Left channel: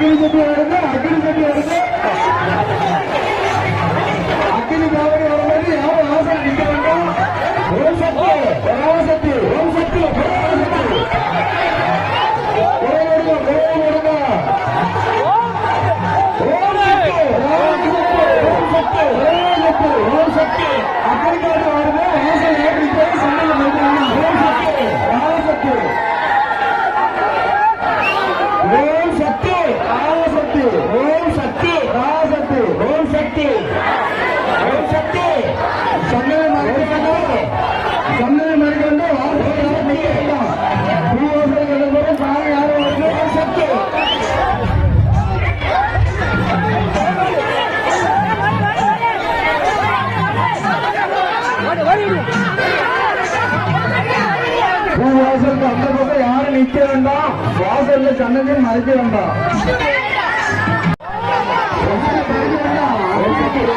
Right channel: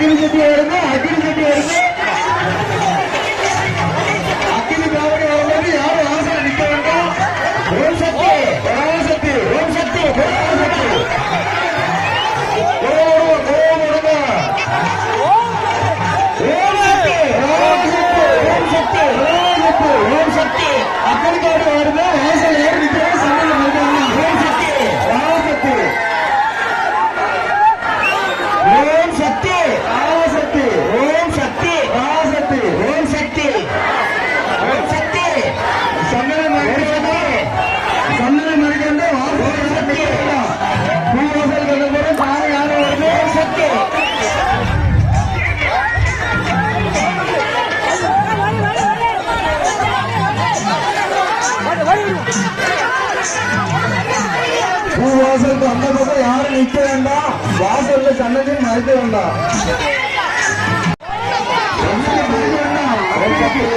அக்கினி சட்டி வருது, அக்கினி சட்டி வருது. அக்கினி காவடி வரும்போது யாரும் ஆசையில் நிற்க வேண்டாம். ஓம் சக்தி, ஓம் சக்தி, ஓம் சக்தி, ஓம் சக்தி. ஓம் சக்தி அக்கடி காவடி வருது. வாசல் ஏறி நிற்கிறது. சண்டையில் ஓம் சக்தி, ஓம் சக்தி, ஓம் சக்தி, ஓம் சக்தி, ஓம் சக்தி, ஓம் சக்தி, ஓம் சக்தி, ஓம் சக்தி. சண்டையில் மறைக்கிறது, சண்டையில் மறைக்கிறது. வாசல் சக்தி பூவாசல் சாமி யாரும் வருது. ஓம் சக்தி. பூவாசலுக்கு அந்த பக்கம் யாரும் நிற்க வேண்டாம். வாசல்ல சன்னதி மறைக்க வேண்டாம். சூப்பர் ஓம் சக்தி,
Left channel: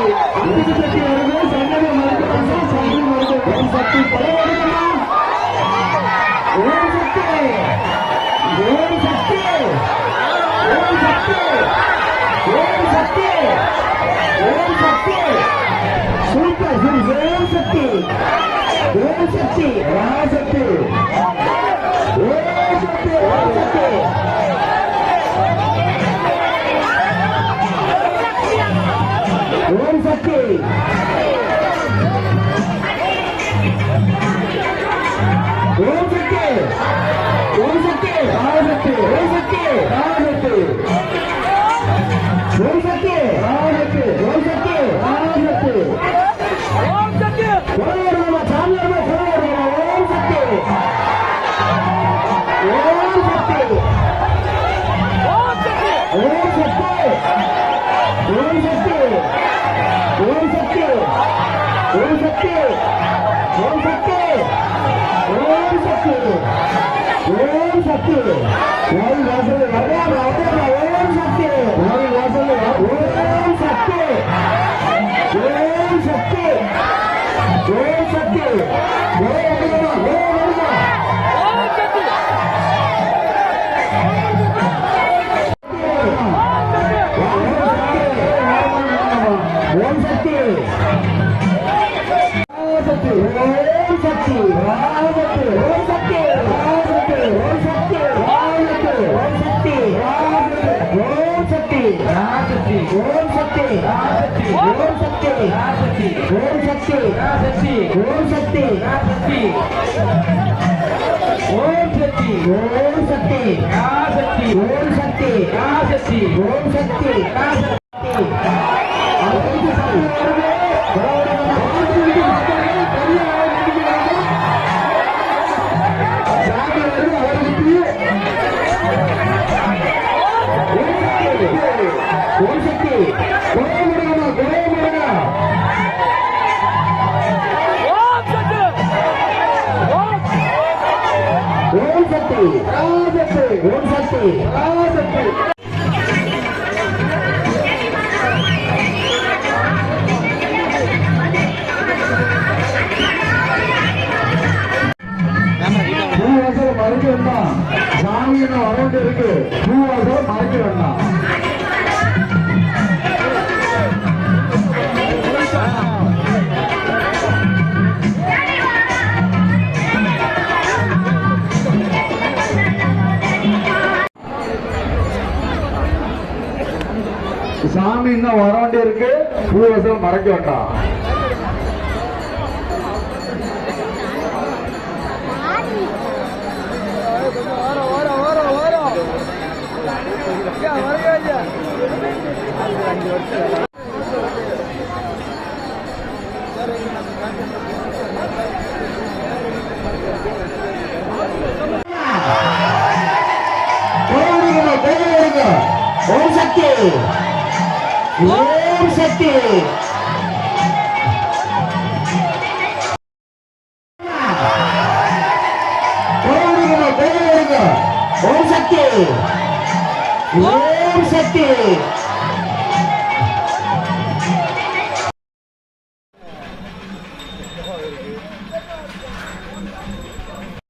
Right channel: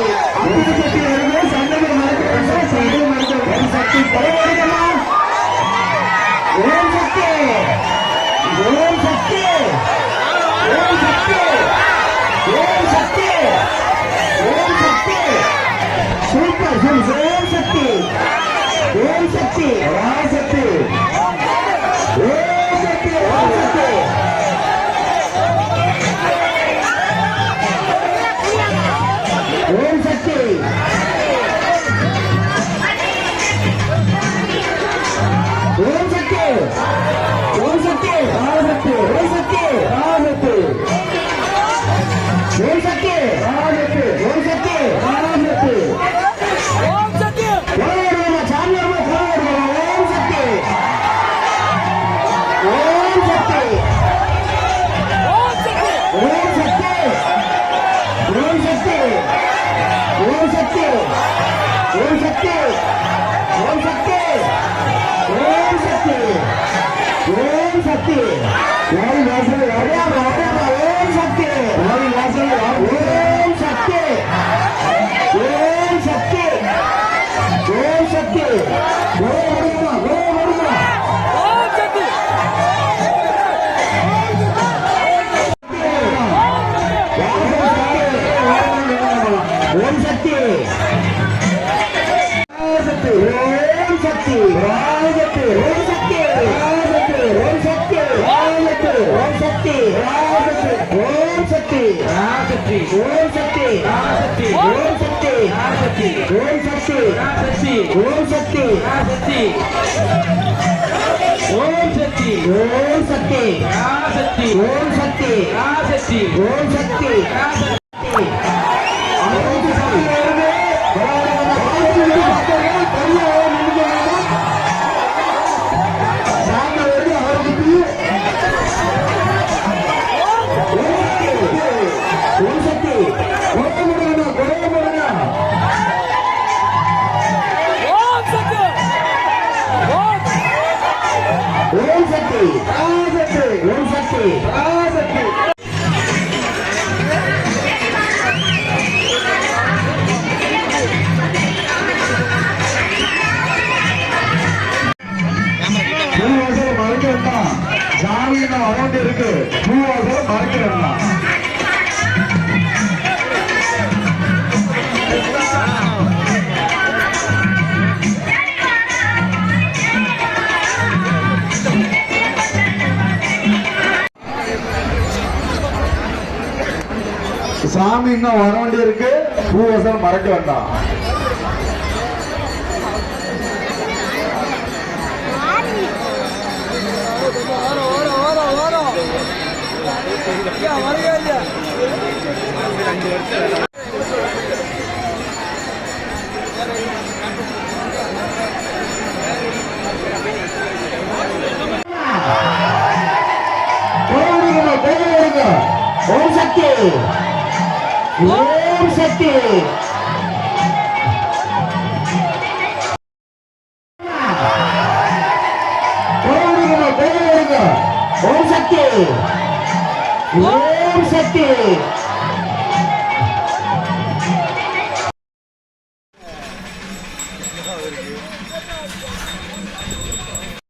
ஓம் சக்தி, ராசக்தி, ஓம் சக்தி, ஓம் சக்தி, ஓம் சக்தி, ஓம் சக்தி, ஓம் சக்தி, ராசக்தி, ஓம் சக்தி, ராசக்தி, ஓம் சக்தி, ராசக்தி, ஓம் சக்தி, ராசக்தி. சாமி இன்னும் வர வேண்டி இருக்கு. பூவசல் மறைக்க வேண்டாம். ஓம் சக்தி, ஓம் சக்தி, ஓம் சக்தி, ஓம் சக்தி.